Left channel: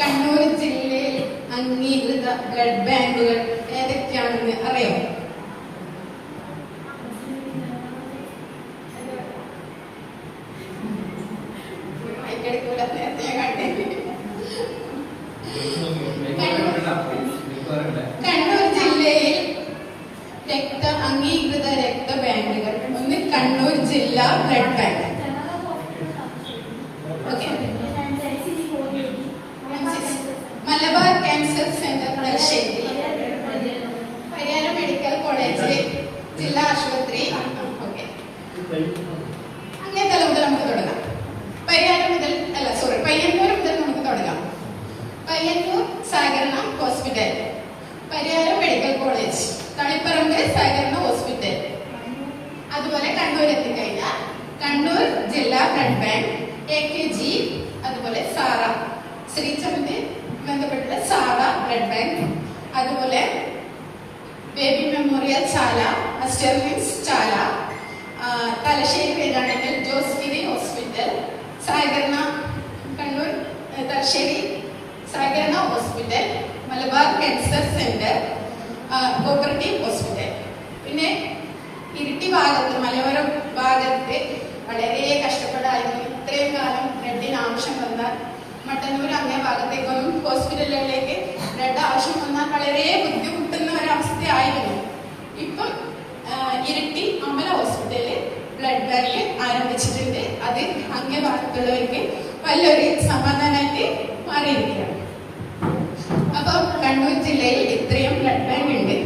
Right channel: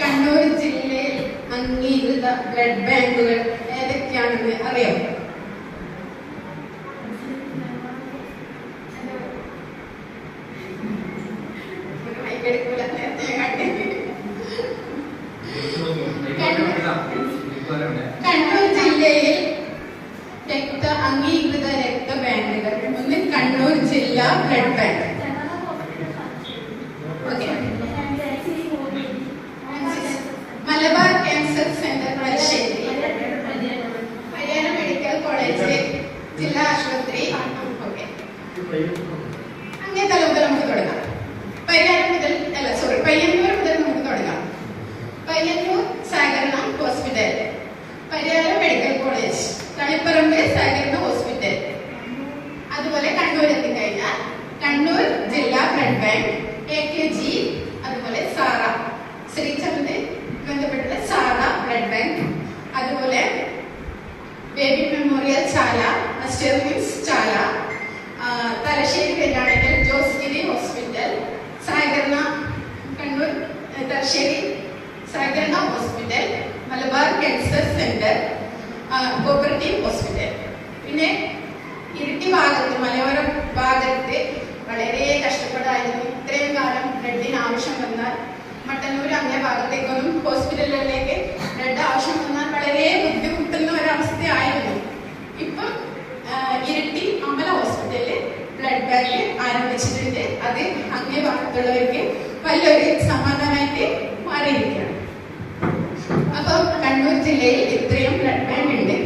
കണ്ണൂർ ജില്ലയിൽ അംഗീകൃത ബ്ലഡ് ബാങ്കുകൾ ഏതൊക്കെയാണെന്ന് അറിയോ? കണ്ണൂർ ജില്ലയിൽ അംഗീകൃത രക്തബാങ്കുകൾ ഒന്ന് കണ്ണൂർ ജില്ലാ blood bank, Malabar cancer centre Thalassery, Pariyaram medical college ജില്ലാ ആശുപത്രി. അങ്ങനെ തല മുതൽ നമുക്ക് തുടങ്ങാം. പയ്യന്നൂർ മുതൽ നമുക്ക് തുടങ്ങാം. പയ്യന്നൂർ സഹകരണ hospital, Pariyaram medical college, Taliparamba സഹകരണ ഹോസ്പിറ്റൽ. അതുപോലെ കണ്ണൂർ എത്തിക്കഴിഞ്ഞാൽ കണ്ണൂർ ജില്ലാ ബ്ലഡ് ബാങ്ക്, AKG, അതുപോലെ സാറ, ശ്രീചന്ദ് ബന്ധപ്പെട്ടത് സാറ ബ്ലഡ് ബാങ്ക്, അതുപോലെ ബേബി മെമ്മോറിയൽ ചാല, അസ്റ്റർമിൻസ് ചാല, തലശ്ശേരി വേദാന്തൽ ജോസ്ഗിരി ഹോസ്പിറ്റൽ, സഹകരണ കണ്ണൂർ തലശ്ശേരി സഹകരണ hospital, Malabar cancer centre, cooperative hospital. പിന്നെ ഇരിട്ടി ഭാഗത്ത്, മലയോര ഭാഗത്ത് വളരെ കഷ്ടപ്പെടായിരുന്നു. ഇത്രയും കാലം ബ്ലഡിന് ആവശ്യം വന്നാൽ മട്ടന്നൂർ അങ്ങേ ഭാഗത്തേക്കൊന്നും ഹോസ്പിറ്റലുകളിലേക്ക് ബ്ലഡ് ആവശ്യം വന്നാൽ വളരെ ബുദ്ധിമുട്ടുന്ന ഒരവസ്ഥയായിരുന്നു. ഇപ്പം ഇരിട്ടി അമല ഹോസ്പിറ്റലിൽ ബ്ലഡ് ബാങ്ക് ആരംഭിച്ചിട്ടുണ്ട്. അത് അങ്ങേ ഭാഗത്തുള്ളവർക്ക് വലിയൊരു സമാധാനമായിട്ട് മാറിയിരിക്കുകയാണ്. അപ്പം കണ്ണൂർ ജില്ലയിൽ ഇത്രയും ബ്ലഡ് ബാങ്ക് ഉണ്ട്.